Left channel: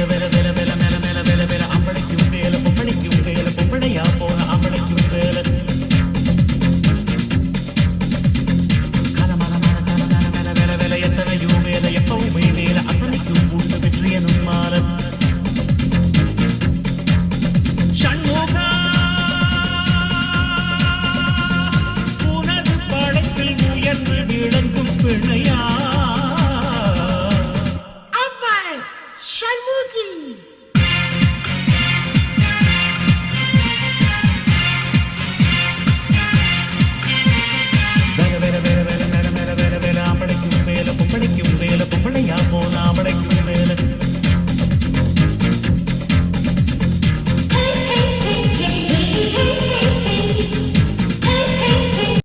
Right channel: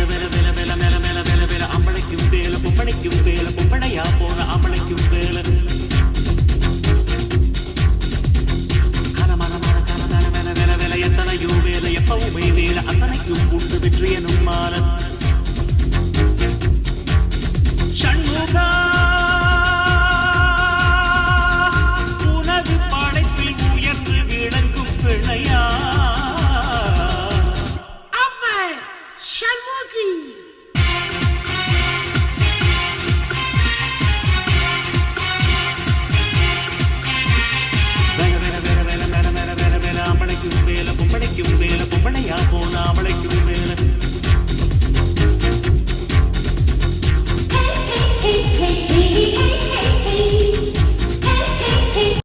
வேல வேல வேல வேல மேல மேல வேல வேல அம்பளைக்கும் வேல பொம்பளைக்கும் வேல பொம்பளையா போன அம்பளைக்கும் வேல கலமல மல கல மேல மேல வேல வேல எத்தனையும் வேல எப்பவுமே வேல அத்தனைக்கும் உண்டு வெற்றியனும் மால